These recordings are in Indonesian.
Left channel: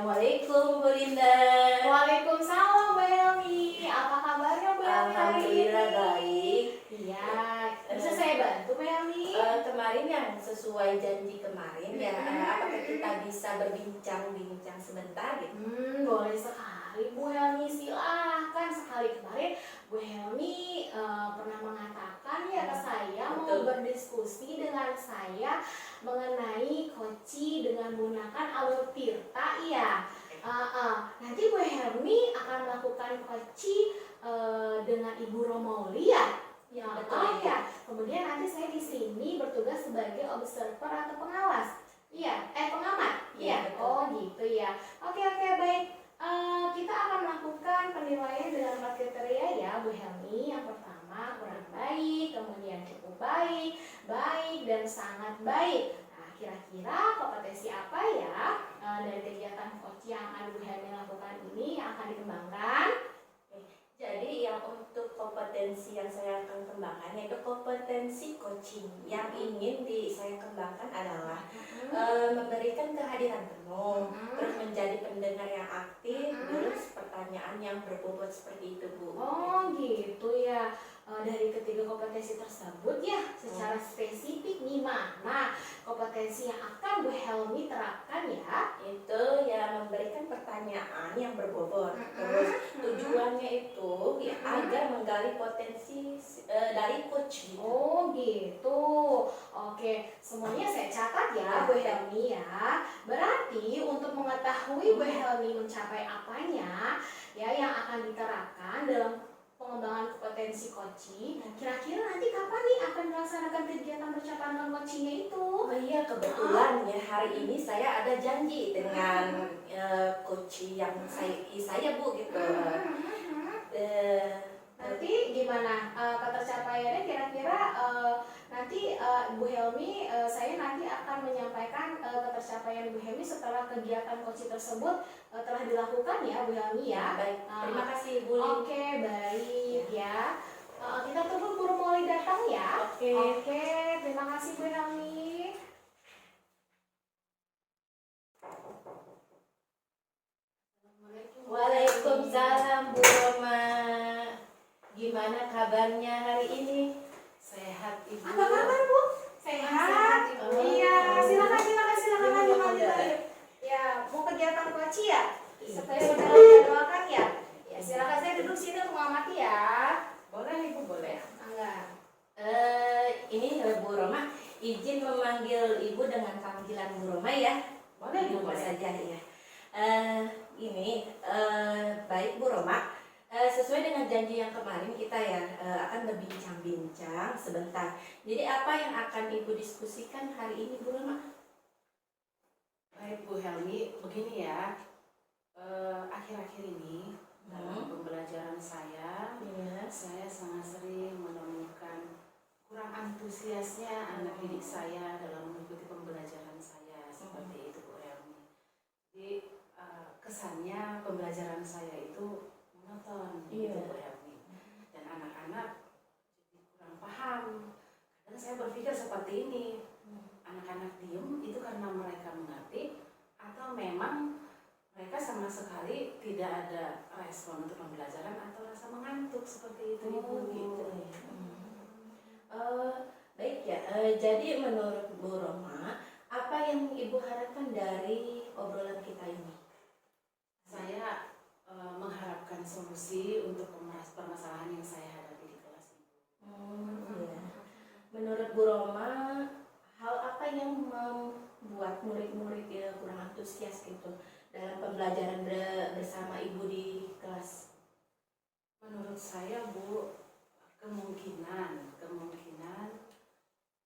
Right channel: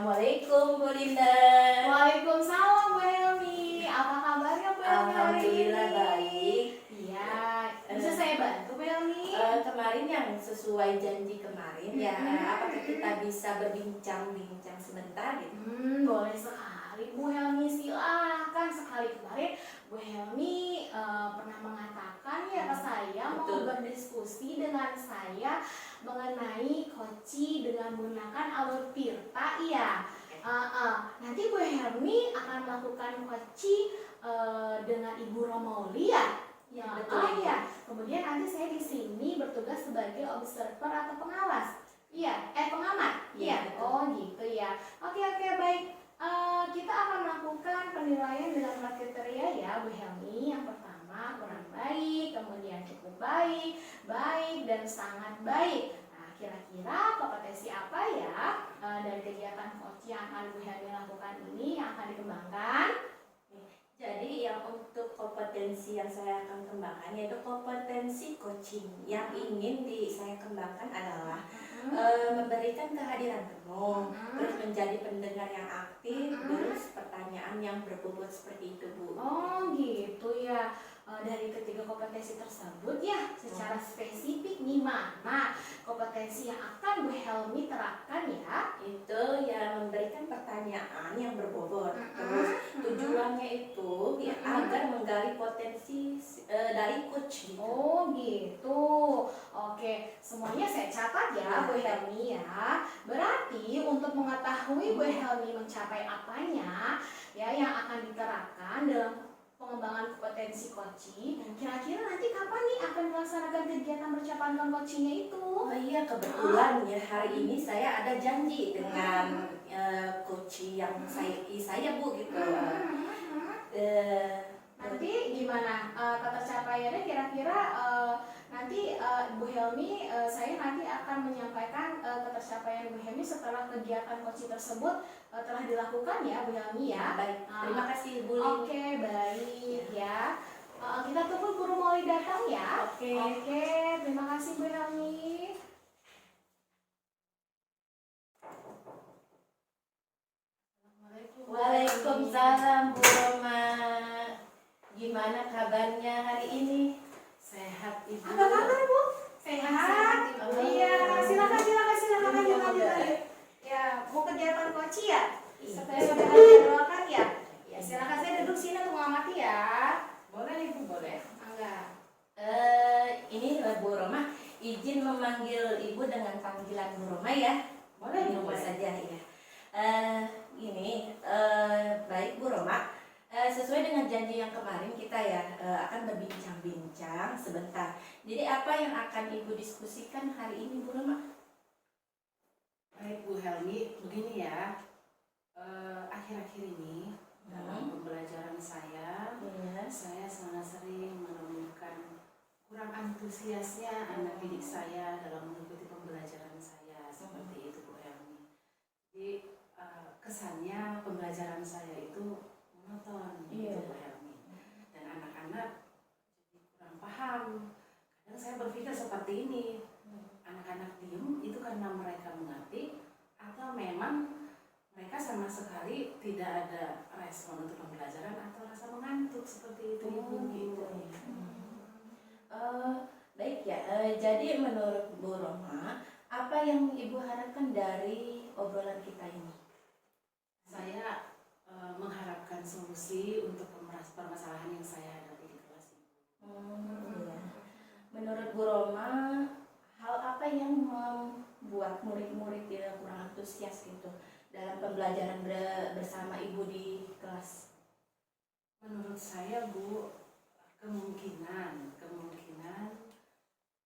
Assalamualaikum Bu Linda. Waalaikumsalam Bu Helmi. Apa kabarnya Bu Helmi hari ini? Alhamdulillah baik. Iya, bisa saya bantu Bu Helmi? Kemarin yang sesuai janji kemarin ya, apakah kita bisa berbincang-bincang sebentar gitu? Boleh sekali Bu Helmi, silahkan. Sekali kemarin Bu Helmi pernah mengatakan ya ke saya mau Betul. berdiskusi dengan saya mengenai koci dengan menggunakan alur tirta ya. Nanti Bu Helmi akan melakukan koci dengan Ibu Romauli ya. Ya, betul. Ya. Kemudian nanti saya di sini bertugas sebagai observer atau pengawas. Iya, pengamat. Iya, betul. Oh gitu ya. Oke baik. Kita akan melakukan penilaian dengan empat kriteria ya Bu Helmi. Yang pertama kurang baik, kemudian cukup baik, baik dan sangat baik. Nah, kira-kira kompetensi apa ya dari kegiatan coach yang akan Bu Helmi lakukan ini yang akan dikembangkan? Jadi yang untuk kompetensi yang saya akan kembangkan yaitu kompetensi coaching. Yang ingin saya kembangkan adalah memberikan kehadiran penuh, terus menjadi pendengar yang aktif, terus pertanyaan yang berbobot seperti itu Bu. Oh gitu ya. Dari ketiga kompetensi tersebut ya secara spesifik nih mana kompetensi yang akan Bu Helmi terapkan ya? Itu ya memberikan pertanyaan yang berbobot, terus tujuannya itu ya agar menggali potensi dari coach gitu. Oh gitu. Oke, semuanya saya catat ya Bu Helmi ya. Berarti untuk mengetahui Bu Helmi mencapai apanya ya yang akan diterapkan dalam pengembangan kompetensi coaching, kira-kira nanti kapan nih akan melaksanakan kegiatan percapaian dengan coachingnya itu? Oh iya, kebetulan ya hari ini saya ada janji dengan coach yang saya Bu gitu. Nanti gimana ketercapaiannya kira-kira nanti Bu Helmi saya nanti akan menyampaikan ketercapaian Bu Helmi setelah kegiatan coaching tersebut telah dilakukan ya Bu Helmi ya. Baik, terima kasih Bu Lin. Oke, baik ya. Kita tunggu guru mulai datang ya. Oke. Terima kasih Bu Helmi. Waalaikumsalam Bu Roma. Gimana kabarnya hari ini? Sehat Ibu. Apa kabar Bu? Sehat. Oh. Iya, silakan lanjut. Ya, mau kegiatan coaching ya? Seperti yang sudah doakan ya? Ya, silakan saya duduk sini untuk mengamati ya. Boleh Ibu, boleh. Enggak. Ini Bu Roma izin memanggil Ibu dengan panggilan Bu Roma ya. Boleh Di Ibu, rumah boleh. saja ya. Baik Bu Roma. Sesuai dengan janji yang kemarin kita ya akan berbincang-bincang sebentar. Jadi apa yang akan Ibu diskusikan hari ini Bu Roma? Baik Bu Helmi, begini ya. Akhir-akhir ini dalam pembelajaran saya sangat sering menemukan kurang antusiasnya anak didik saya dalam mengikuti pembelajaran saya seperti itu Bu Helmi. Jadi kesannya pembelajaran saya itu monoton gitu Bu Helmi. Dan anak-anak jadi kurang paham. Kadang saya berpikir seperti ini, anak-anak diem itu karena mereka mengerti atau memang mereka sama sekali tidak ada respon untuk pembelajaran atau rasa mengantuk seperti itu Ibu gitu. Baik ya. Jadi menurut Bu Roma, apa yang Ibu harapkan dari obrolan kita ini? Saya mengharapkan solusi untuk permasalahan yang saya hadapi di kelas ini. Menurut Bu Roma, hal apa yang membuat murid-murid kurang antusias gitu dalam pembelajaran bersama Ibu di kelas? Menurut saya Bu, kemungkinan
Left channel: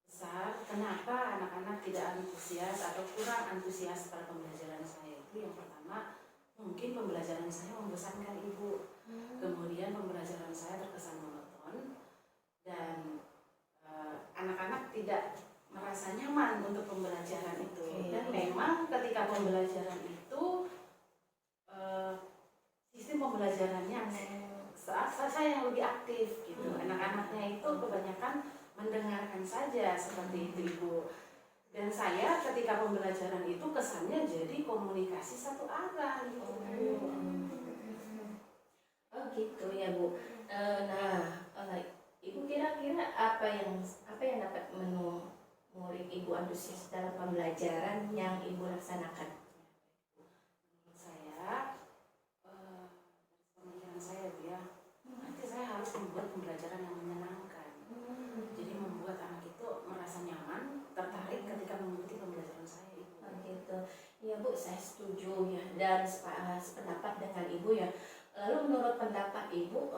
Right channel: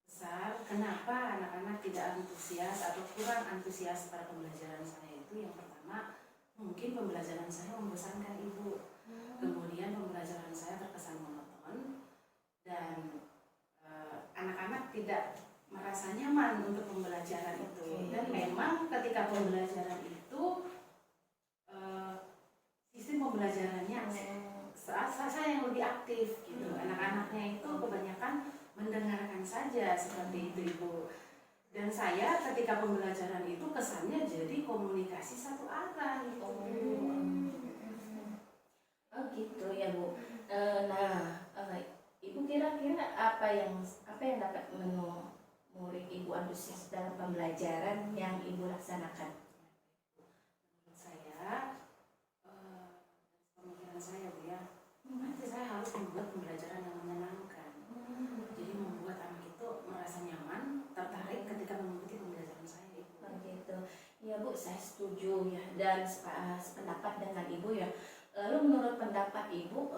besar kenapa anak-anak tidak antusias atau kurang antusias pada pembelajaran saya itu yang pertama mungkin pembelajaran saya membosankan Ibu, kemudian pembelajaran saya terkesan monoton dan anak-anak tidak merasa nyaman untuk pembelajaran itu. Dan memang ketika pembelajaran itu sistem pembelajarannya saya yang lebih aktif gitu. Anak-anaknya itu kebanyakan mendengarkan saja seperti itu Ibu. Dan saya ketika pembelajaran itu kesannya jadi komunikasi satu arah gitu. Oh gitu ya Bu. Ibu kira-kira apa yang dapat murid Ibu antusias dalam pembelajaran yang Ibu laksanakan? Menurut saya, pemikiran saya Bu ya, nanti saya harus membuat pembelajaran yang menyenangkan. Jadi membuat anak itu merasa nyaman, tertarik ketika mengikuti pembelajaran saya itu. Oh gitu. Ya Bu, saya setuju ya dan sependapat dengan Ibu ya. Lalu menurut pendapat Ibu,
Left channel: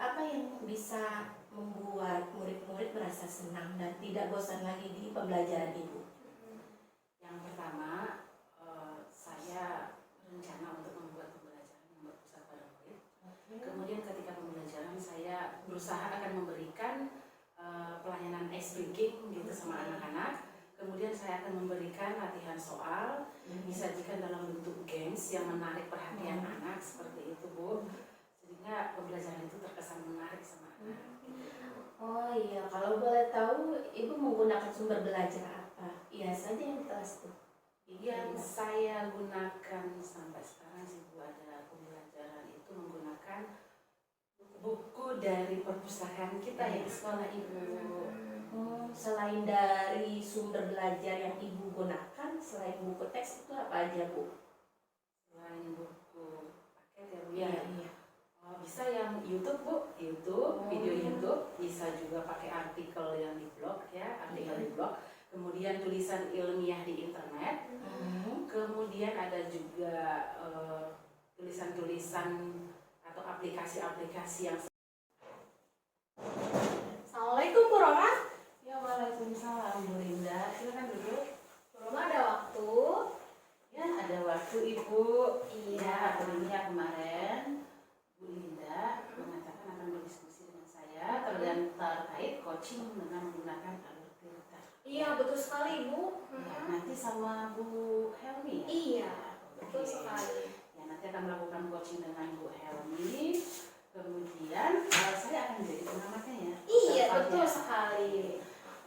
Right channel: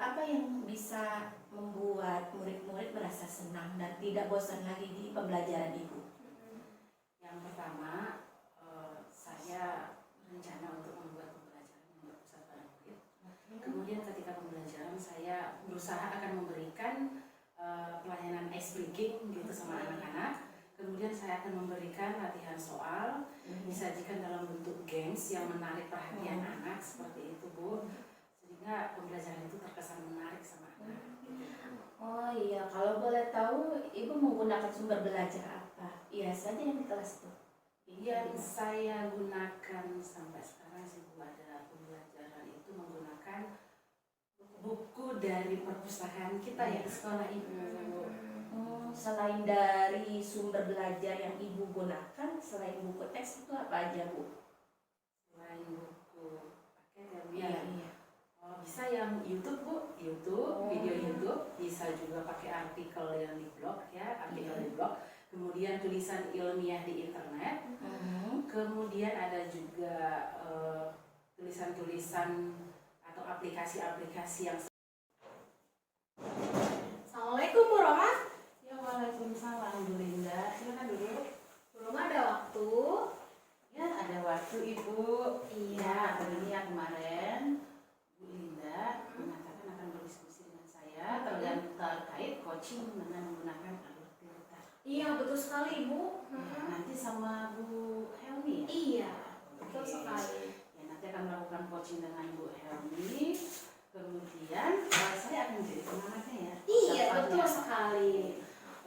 apa yang bisa membuat murid-murid merasa senang dan tidak bosan lagi di pembelajaran Ibu? Yang pertama, saya rencana untuk membuat pembelajaran yang berpusat pada murid. Kemudian ketika pembelajaran saya berusaha akan memberikan pelayanan ice breaking gitu sama anak-anak. Kemudian saya akan memberikan latihan soal, disajikan dalam bentuk games yang menarik perhatian anak seperti itu Bu. Sehingga pembelajaran itu terkesan menarik sama anak. Oh iya, kalau boleh tahu Ibu menggunakan sumber belajar apa? Iya saja yang di kelas itu. Yang saya gunakan sampai sekarang sih Bu, ada pembelajaran itu menggunakan buku dari perpustakaan kita ya di sekolah Ibu. Selain dari sumber belajar yang Ibu gunakan, selain buku teks itu apa aja Bu? Selain buku paket ya Bu ya. Iya. Oh, bisa yang YouTube Bu, video YouTube, bisa juga pakai artikel yang di blog ya, artikel di blog. Kemudian tulisan ilmiah di internet. Kemudian ada juga tulisan-tulisan atau aplikasi-aplikasi yang. Assalamualaikum Bu Roma. Ya, waalaikumsalam Bu Linda. Silakan dulu. Bu Roma ada waktu? Ya, ada waktu Ibu. Iya. Hari ini ya kemarin Bu Linda mengatakan akan berdiskusi dengan saya terkait coaching dengan menggunakan alur filter. Iya, betul sekali Bu. Ya, nanti sama Bu Helmi. Iya, betul Oke. sekali. Ya, nanti akan melakukan coaching dengan Bu Helmi. Kemudian saya akan menjadi pengamatnya ya. Iya, Sertanya. betul sekali.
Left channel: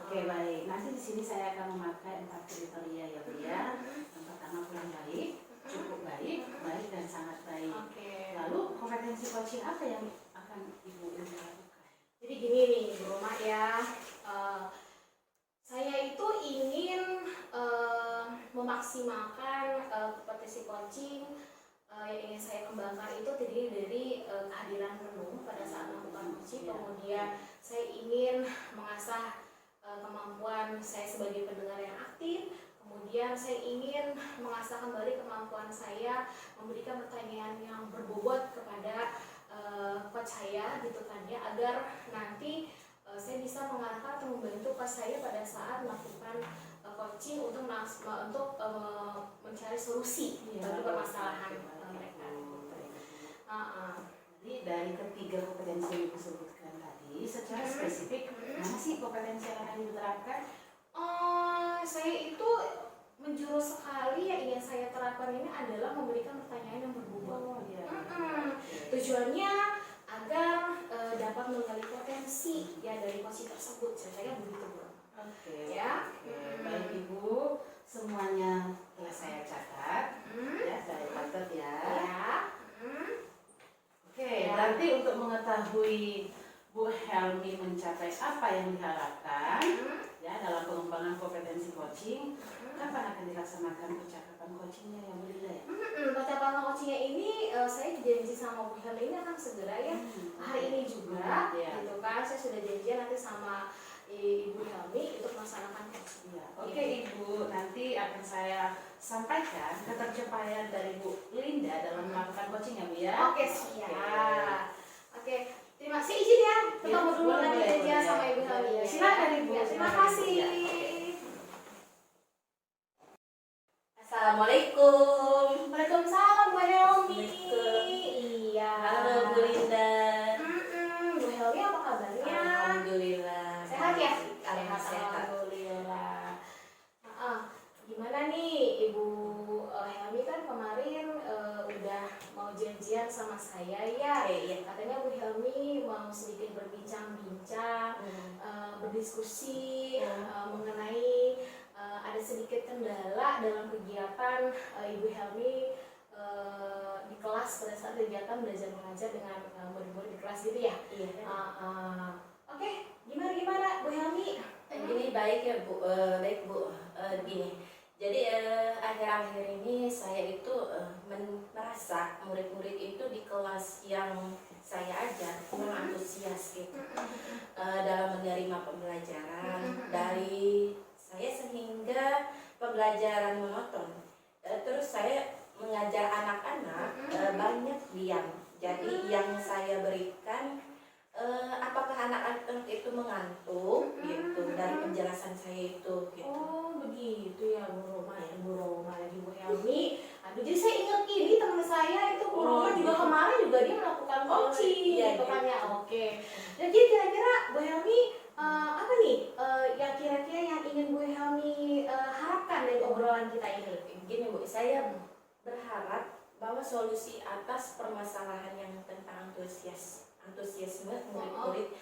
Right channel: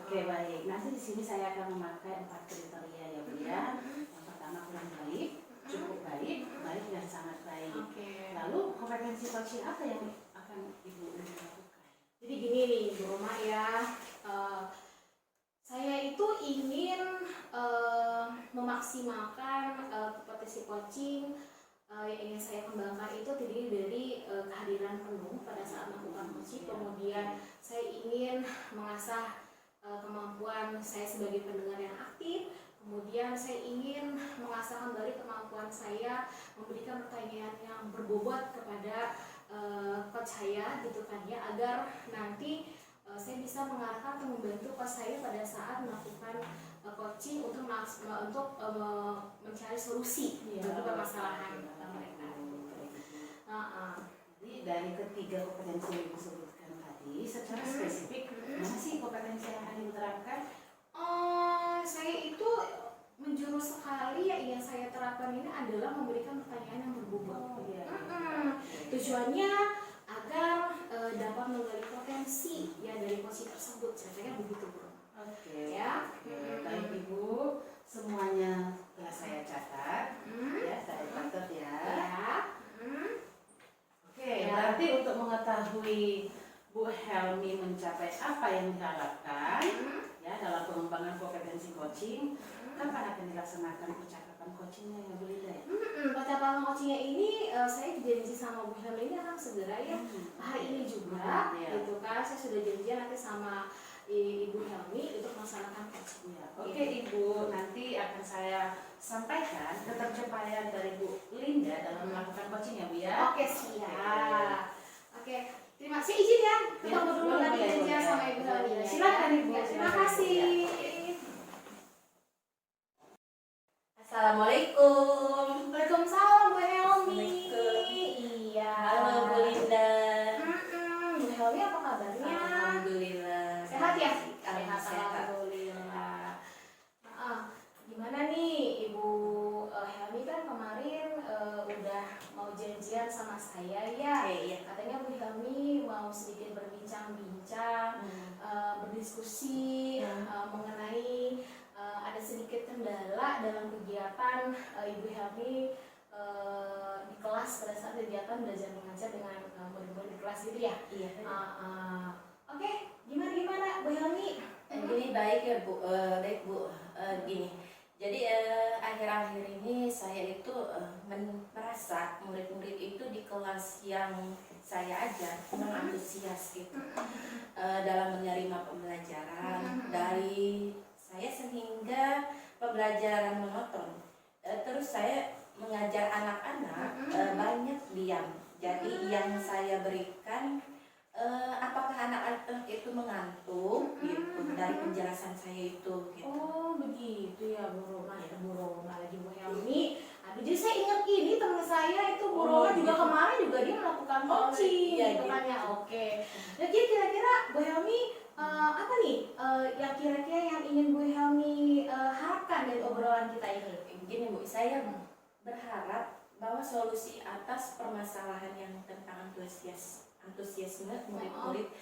Oke, baik. Nanti di sini saya akan memakai 4 kriteria ya Bu ya. Yang pertama kurang baik, cukup baik, baik dan sangat baik. Oke. Lalu kompetensi coaching apa yang akan Ibu lakukan? Jadi gini nih Bu Roma ya, saya itu ingin memaksimalkan kompetensi coaching yang ingin saya kembangkan itu terdiri dari kehadiran penuh pada saat melakukan coaching. Kemudian saya ingin mengasah kemampuan saya sebagai pendengar yang aktif. Kemudian saya ingin mengasah kembali kemampuan saya memberikan pertanyaan yang berbobot kepada coach saya gitu kan ya, agar nanti saya bisa mengarahkan atau membantu coach saya pada saat melakukan coaching untuk mencari solusi bagi permasalahan mereka. Jadi dari ketiga kompetensi yang Ibu sebutkan tadi, secara spesifik mana sih kompetensi yang akan Ibu terapkan? Saya itu menjurus sekali yang ingin saya terapkan ini adalah memberikan pertanyaan yang berbobot. Tujuannya agar dapat menggali potensi ya dari coaching tersebut. Saya begitu Bu. Oke. Ya. Baik Ibu, semuanya telah saya catat. Ya, saya catat ya. Oke, berarti untuk mengetahui Bu Helmi mencapai apa yang diharapkan ya dalam pengembangan kompetensi coaching, kapan akan dilaksanakan percakapan coachingnya ya Bu Linda ya? Percakapan coachingnya ini saya janji sama Bu Helmi ini akan segera ya hari ini juga, gitu kan. Saya sudah janjian nanti sama Ibu Helmi untuk melaksanakan coaching. Ya, oke Ibu, nanti akan saya sampaikan ketercapaian dari Bu Linda dalam melakukan coaching ya Bu ya. Oke, siap. Oke, terima kasih, izin ya ketemu dulu boleh, tadi boleh, janjian boleh. sama Ibu Helmi. Silakan, Ibu. Ya, terima kasih. Assalamualaikum. Waalaikumsalam Bu Helmi. Iya. Halo Bu Linda. Bu Helmi apa kabarnya? Alhamdulillah. Sehat ya? Sehat. Alhamdulillah. Gimana nih Ibu Helmi kan kemarin udah mau janjian sama saya ya. Iya. Katanya Bu Helmi mau sedikit berbincang-bincang, berdiskusi mengenai ada ada sedikit kendala dalam kegiatan Ibu Helmi di kelas pada saat kegiatan belajar mengajar dengan murid-murid di kelas gitu ya. Iya. Oke, gimana Bu Helmi? Jadi baik ya Bu, baik Bu. Gini, jadi akhir-akhir ini saya itu merasa murid-murid itu di kelas yang saya ajar antusias gitu dalam menerima pembelajaran dari saya, sehingga pembelajaran monoton. Terus saya mengajar anak-anak banyak diam. Jadi yang saya berikan, apakah anak-anak itu mengantuk gitu dari penjelasan saya itu gitu. Oh begitu ya Bu Roma ya, Bu Roma lagi Bu Helmi. Aduh, jadi saya ingat ini teman saya itu Bu Roma juga gitu. kemarin juga dia melakukan coaching iya, gitu kan gitu. ya. Oke. Jadi kira-kira Bu Helmi apa nih yang kira-kira yang ingin Bu Helmi harapkan dari obrolan kita ini? Gini Bu, saya berharap bahwa solusi atas permasalahan yang tentang antusiasme murid-murid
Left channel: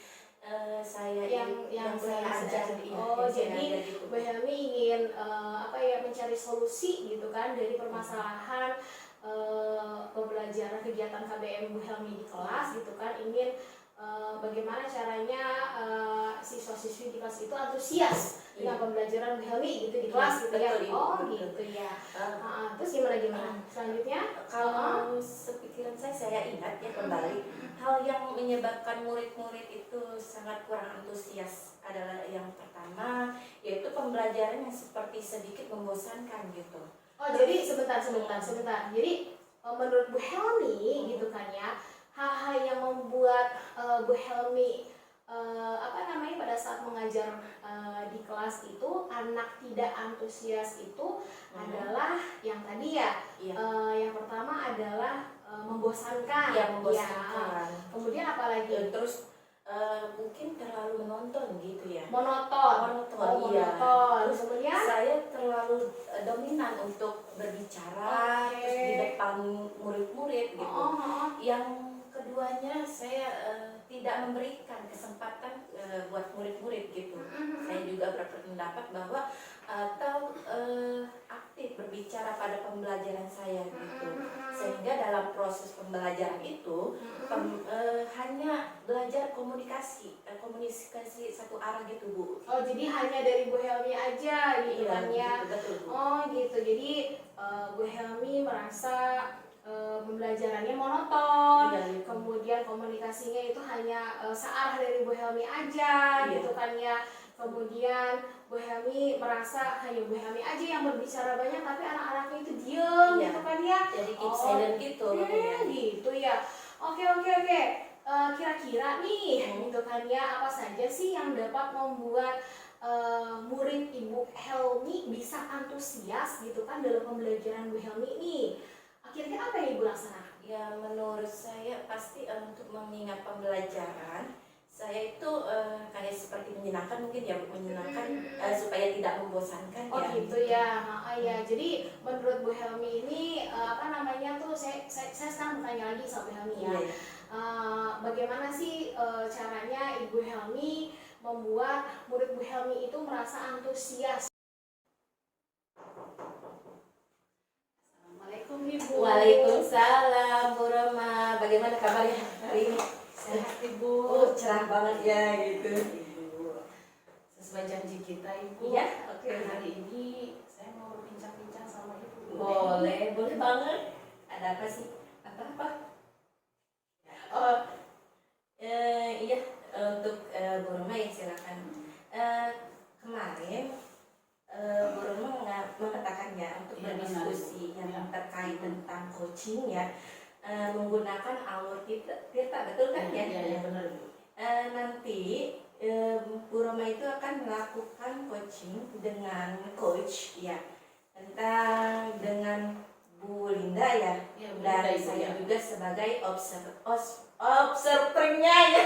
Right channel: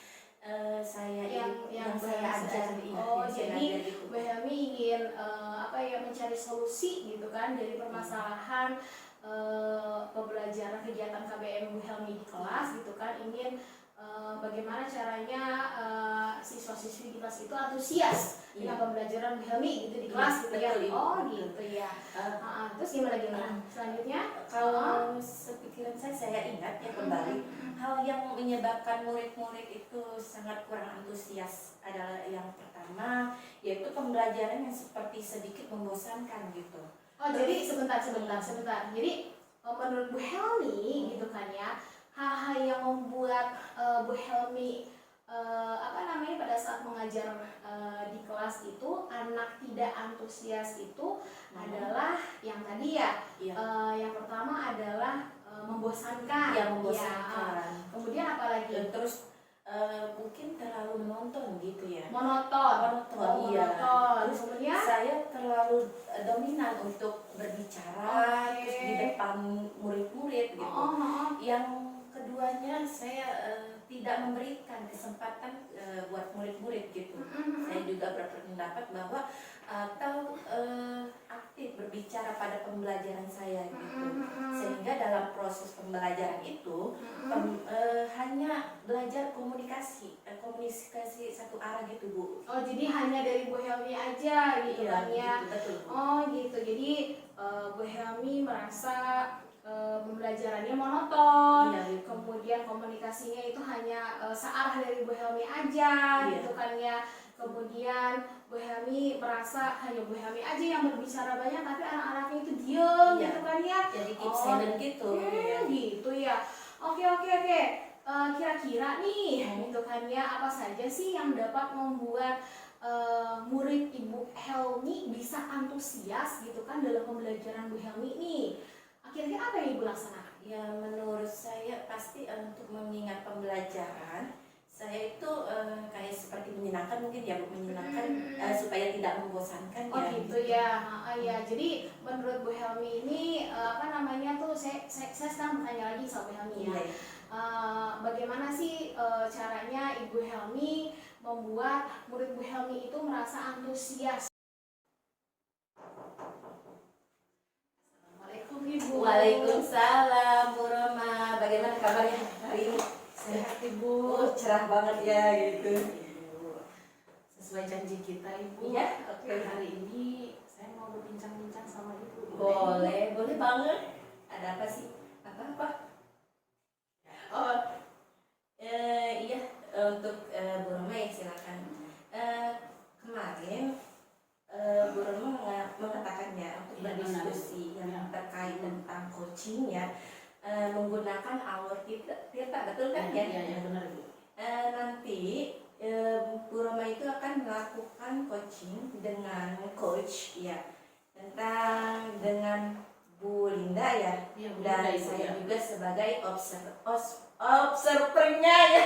saya yang saya ajar. Oh, jadi Bu Helmi ingin mencari solusi gitu kan dari permasalahan pembelajaran kegiatan KBM Bu Helmi di kelas gitu kan, ingin bagaimana caranya siswa-siswi di kelas itu antusias dengan pembelajaran Bu Helmi gitu di kelas gitu ya. Betul, Oh betul. gitu ya. Terus gimana selanjutnya? Kalau sepikiran saya ingat ya kembali, hal yang menyebabkan murid-murid itu sangat kurang antusias adalah yang pertama, yaitu pembelajaran yang seperti sedikit membosankan gitu. Oh jadi sebentar. Jadi menurut Bu Helmi gitu kan ya, hal-hal yang membuat Bu Helmi pada saat mengajar di kelas itu anak tidak antusias itu adalah yang tadi ya. Yang pertama adalah membosankan. Iya, membosankan. Ya. Kemudian apa lagi? Terus mungkin terlalu menonton gitu ya. Monoton. Iya. Terus kemudian saya terlalu dominan untuk berbicara terus di depan murid-murid gitu. Yang keduanya saya tidak memberikan kesempatan buat murid-murid gitu. Saya juga berpendapat bahwa atau aktif berbicara pada pembelajaran saya gitu, sehingga dalam proses pembelajaran itu hanya belajar komunikasi satu arah gitu Bu. Oh jadi hanya dari Bu Helmi aja gitu kan ya. Betul, Bu. Oh gitu, jadi Bu Helmi merasa pembelajarannya monoton, Iya. kemudian komunikasinya itu hanya searah dari Bu Helmi aja gitu kan ya. Kemudian Bu Helmi merasa hanya Bu Helmi aja yang berbicara banyak, tapi anak-anaknya itu diem gitu kan ya. Jadi keep silent gitu. Gitu ya. Oke. Kira-kira nih gitu kan ya, apa saja sih yang dapat membuat murid Ibu Helmi bisa antusias gitu kan dalam pembelajaran Bu Helmi nih? Kira-kira apa yang Ibu laksanakan? Ya menurut saya pasti untuk mengingat pembelajaran saya itu kayak seperti menyenangkan mungkin ya, menyenangkan supaya tidak membosankan. Oh ya. gitu ya. Ya jadi menurut Bu Helmi ini saya sekarang bertanya lagi sama Bu Helmi ya. Iya. Bagaimana sih caranya Ibu Helmi membuat murid Bu Helmi itu merasa antusias? Assalamualaikum Ibu. Waalaikumsalam Bu Roma, bagaimana kabarnya hari ini? Sehat Ibu. Oh cerah banget ya gitu. Ibu, sesuai janji kita Ibu. Iya. Hari ini saya mau berbincang-bincang sama Ibu. Boleh banget. Ada apa sih? Apa? Oh, iya, untuk Bu Roma ya silakan. Kemarin Bu Roma mengatakannya untuk berdiskusi yang terkait tentang coachingnya menggunakan alur Tirta, betul kan ya? Iya benar Ibu. Nanti Bu Roma itu akan melakukan coaching dengan coach ya, dengan Bu Linda ya, dan saya juga sebagai observernya ya.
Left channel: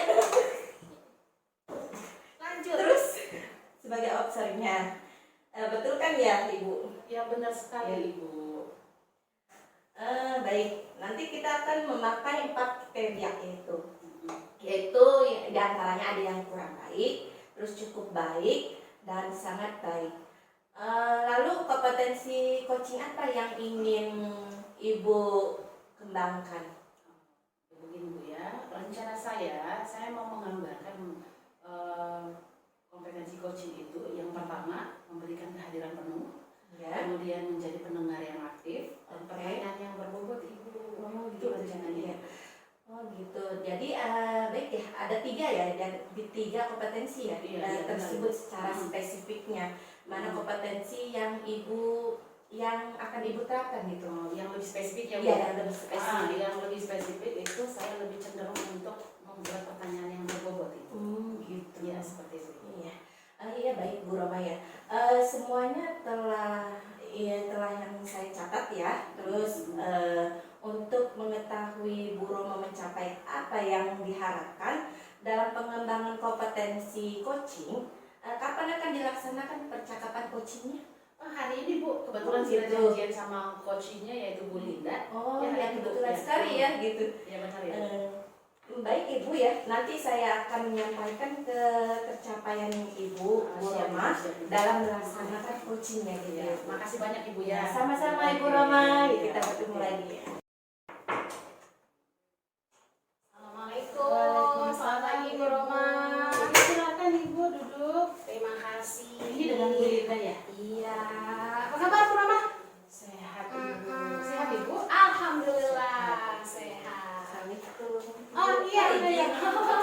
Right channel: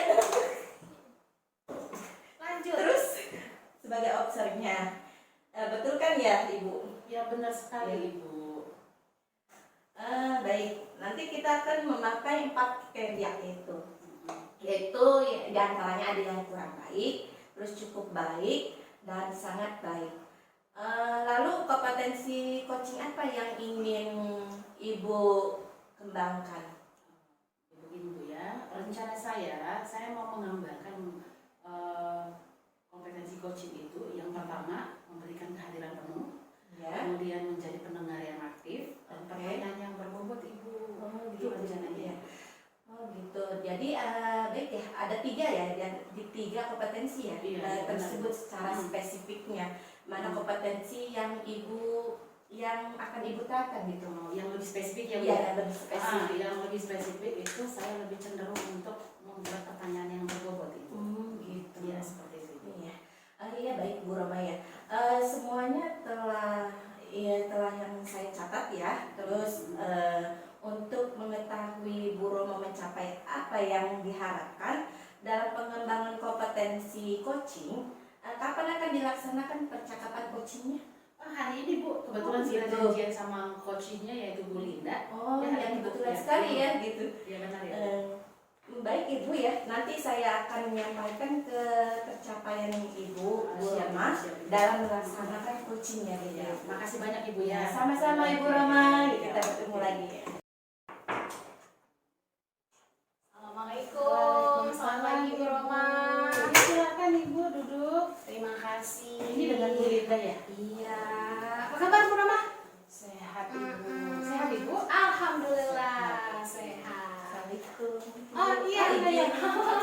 Lanjut. Terus sebagai observernya, betul kan ya Ibu? Ya benar sekali Ibu. Baik, nanti kita akan memakai 4 kriteria itu, yaitu diantaranya ada yang kurang baik, terus cukup baik, dan sangat baik. Lalu kompetensi coaching apa yang ingin Ibu kembangkan? Begini Bu ya, rencana saya mau menggambarkan kompetensi coaching itu yang pertama memberikan kehadiran penuh, Ya. kemudian menjadi pendengar yang aktif, dan pertanyaan yang berbobot Ibu. Itu rencananya. Oh gitu. Jadi baik ya, ada 3 ya, dan di 3 kompetensi ya Iya, tersebut benar. secara spesifiknya. Mana kompetensi yang yang akan Ibu terapkan gitu? Yang lebih spesifik ya Bu. Iya, yang lebih spesifik. Yang lebih spesifik itu saya lebih cenderung untuk membuat pertanyaan yang berbobot itu. Gitu. Ya seperti itu. Iya. Iya baik Bu Roma ya. Semuanya telah yang saya catat ya. Terus untuk mengetahui Bu Roma mencapai apa yang diharapkan dalam pengembangan kompetensi coaching, kapan akan dilaksanakan percakapan coachingnya? Hari ini Bu, kebetulan gitu. kita janjian sama coachnya yaitu Bu Linda. Oh, Ya, yang hari itu, kebetulan ya. sekali ya gitu. Ya benar ya. Baik Ibu ya, nanti saya akan menyampaikan ke tercapaian Ibu Bu Siap, Roma siap, siap. dalam melaksanakan coachingnya gitu. Ya, makasih banyak Ibu ya. Sama-sama Ibu Oke. Roma, Ya, kita ketemu oke. lagi ya. Assalamualaikum. Selamat pagi Bu Roma. Silakan Ibu duduk. Terima kasih. Ini dengan Bu Linda ya. Iya. Apa kabar Bu Roma? Sehat Ibu. Sehat Ibu. Alhamdulillah sehat. Assalamualaikum. Oh, iya, iya, iya.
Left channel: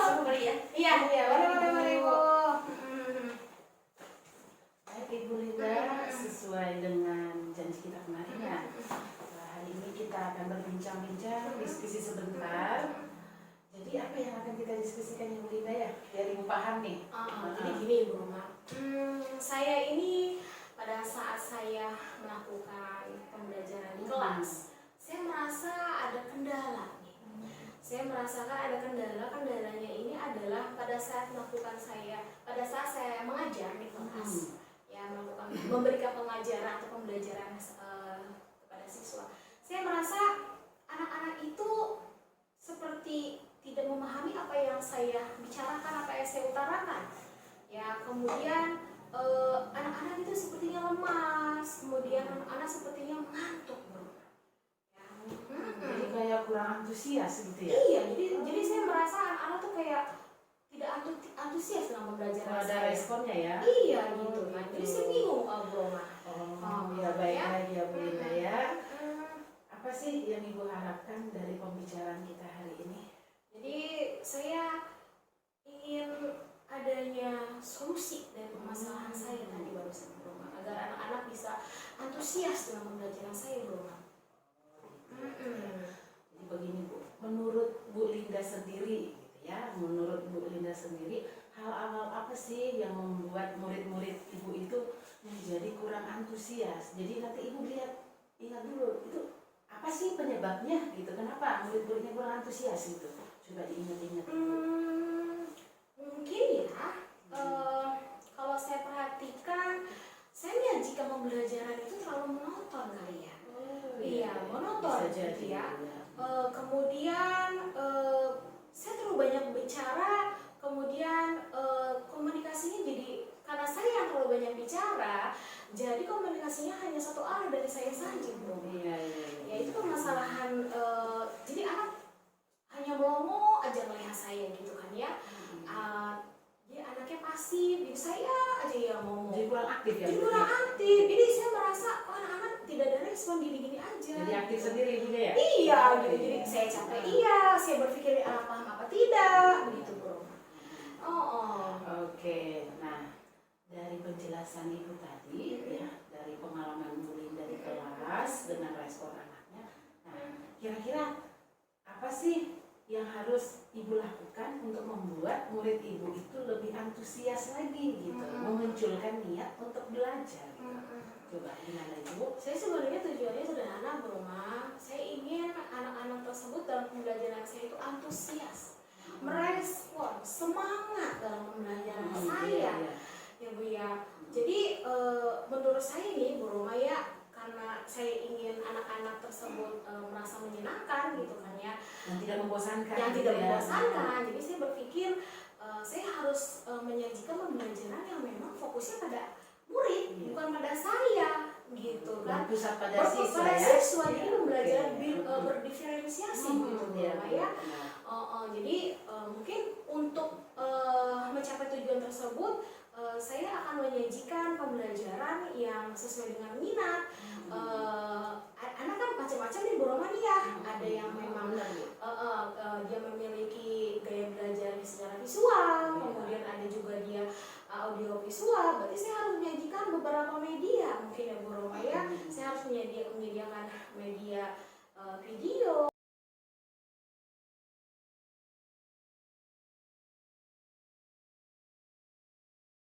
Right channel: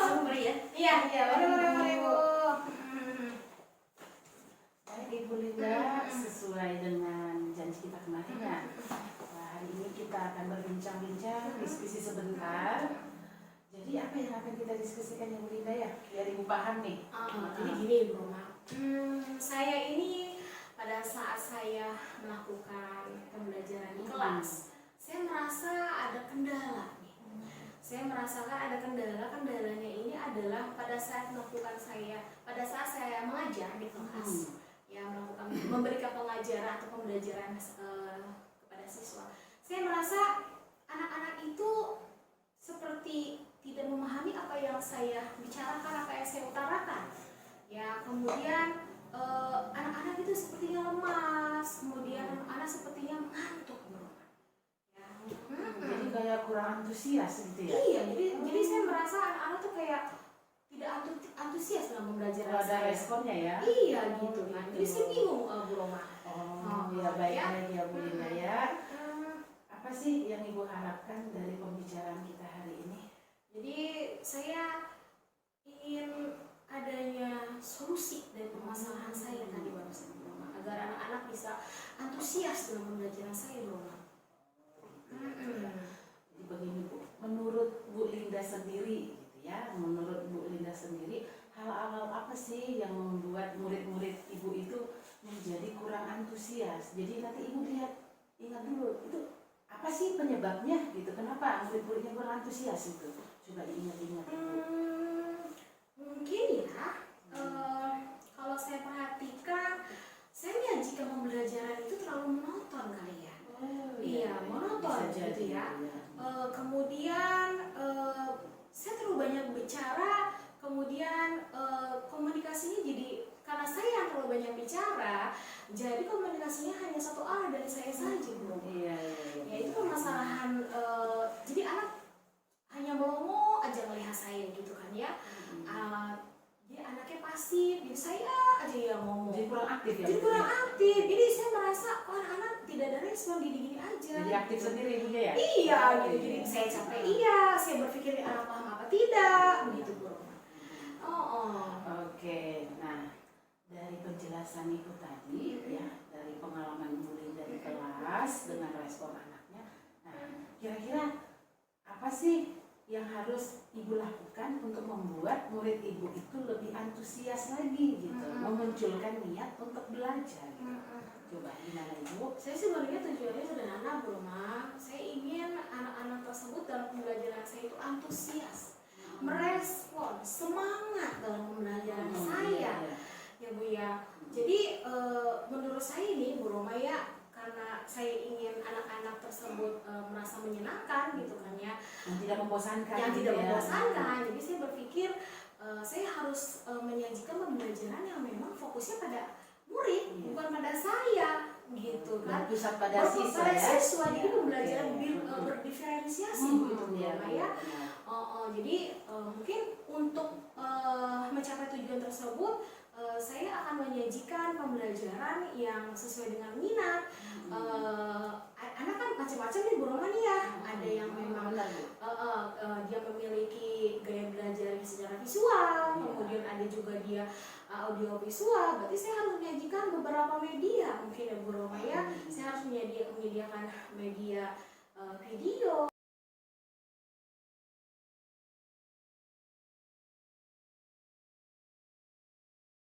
Sorry ya. Iya, iya. Mari Bu. Baik Ibu Linda, sesuai dengan janji kita kemarin ya. Hari ini kita akan berbincang-bincang, diskusi sebentar. Jadi apa yang akan kita diskusikan Ibu Linda ya? Biar Ibu paham nih. Jadi gini Bu Roma. Saya ini pada saat saya melakukan pembelajaran di kelas, saya merasa ada kendala nih. Saya merasakan ada kendalanya ini adalah pada saat saya mengajar di kelas, ya memberikan pengajaran atau pembelajaran kepada siswa. Saya merasa anak-anak itu seperti tidak memahami apa yang saya bicarakan, apa yang saya utarakan. Ya, kemudian anak-anak itu sepertinya lemas, kemudian anak-anak sepertinya mengantuk, bro. Ya, Jadi kayak kurang antusias gitu ya. Iya, jadi saya merasa anak-anak tuh kayak tidak antusias dalam pembelajaran Kalau ada saya. responnya ya. Iya, gitu kan. Jadi saya bingung, bro. Ya baik ya Bu Linda ya. Hmm. Apa sih yang Ibu harapkan dari pembicaraan kita hari ini? Jadi saya ingin adanya solusi dari permasalahan saya tadi barusan, bro, agar anak-anak bisa antusias dalam pembelajaran saya, bro. Jadi begini Bu, menurut Bu Linda sendiri gitu ya, menurut Bu Linda sendiri hal-hal apa sih yang membuat murid-murid Ibu itu menjadi kurang antusias? Jadi nanti Ibu ingat dulu itu apa sih penyebabnya gitu, kenapa murid-muridnya kurang antusias gitu, coba diingat-ingat. Mungkin ya, kalau saya perhatikan, saya menyajikan pembelajaran itu terlalu monoton kali ya. Iya, monoton gitu ya. Kemudian saya terlalu banyak bicara, kemudian komunikasinya jadi karena saya yang terlalu banyak bicara, jadi komunikasinya hanya satu arah dari saya saja, bro. Iya. Ya itu permasalahan. Jadi anak hanya melongo aja melihat saya gitu kan ya. Jadi anaknya pasif, jadi saya aja yang ngomong. Jadi kurang aktif ya. Jadi kurang aktif. Jadi saya merasa anak-anak tidak ada respon gini-gini aja. Jadi aktif sendiri Ibunya ya. Iya, gitu. Jadi saya capek iya, saya berpikir anak paham apa tidak, begitu bro. Oke, nah dari penjelasan Ibu tadi ya, dari pengalaman Bu Linda di kelas dengan respon anaknya, nah kira-kira apa sih yang harus Ibu lakukan untuk membuat murid Ibu itu lebih antusias lagi gitu, memunculkan niat untuk belajar gitu. Coba gimana Ibu? Saya sebenarnya tujuannya sederhana bro, Ma. Saya ingin anak-anak tersebut dalam pembelajaran saya itu antusias, merespon, semangat dalam pembelajaran saya. Ya Bu ya. Jadi menurut saya ini Bu Roma ya, karena saya ingin anak-anak tersebut merasa menyenangkan gitu kan ya, Yang tidak membosankan. yang gitu tidak ya. membosankan. Jadi saya berpikir saya harus menyajikan pembelajaran yang memang fokusnya pada murid, bukan pada saya gitu kan. Berpusat pada Berpusat siswa pada ya. siswa, jadi Iya, pembelajaran iya, iya. berdiferensiasi Hmm, gitu iya, Mama ya. benar. Jadi mungkin untuk mencapai tujuan tersebut saya akan menyajikan pembelajaran yang sesuai dengan minat. Anak kan macam-macam nih Bu Roma nih ya. Ada yang memang benar, Bu. dia memiliki gaya belajar secara visual, kemudian ada juga dia audio visual. Berarti saya harus menyajikan beberapa media mungkin ya Bu Roma ya. Saya harus menyediakan media video,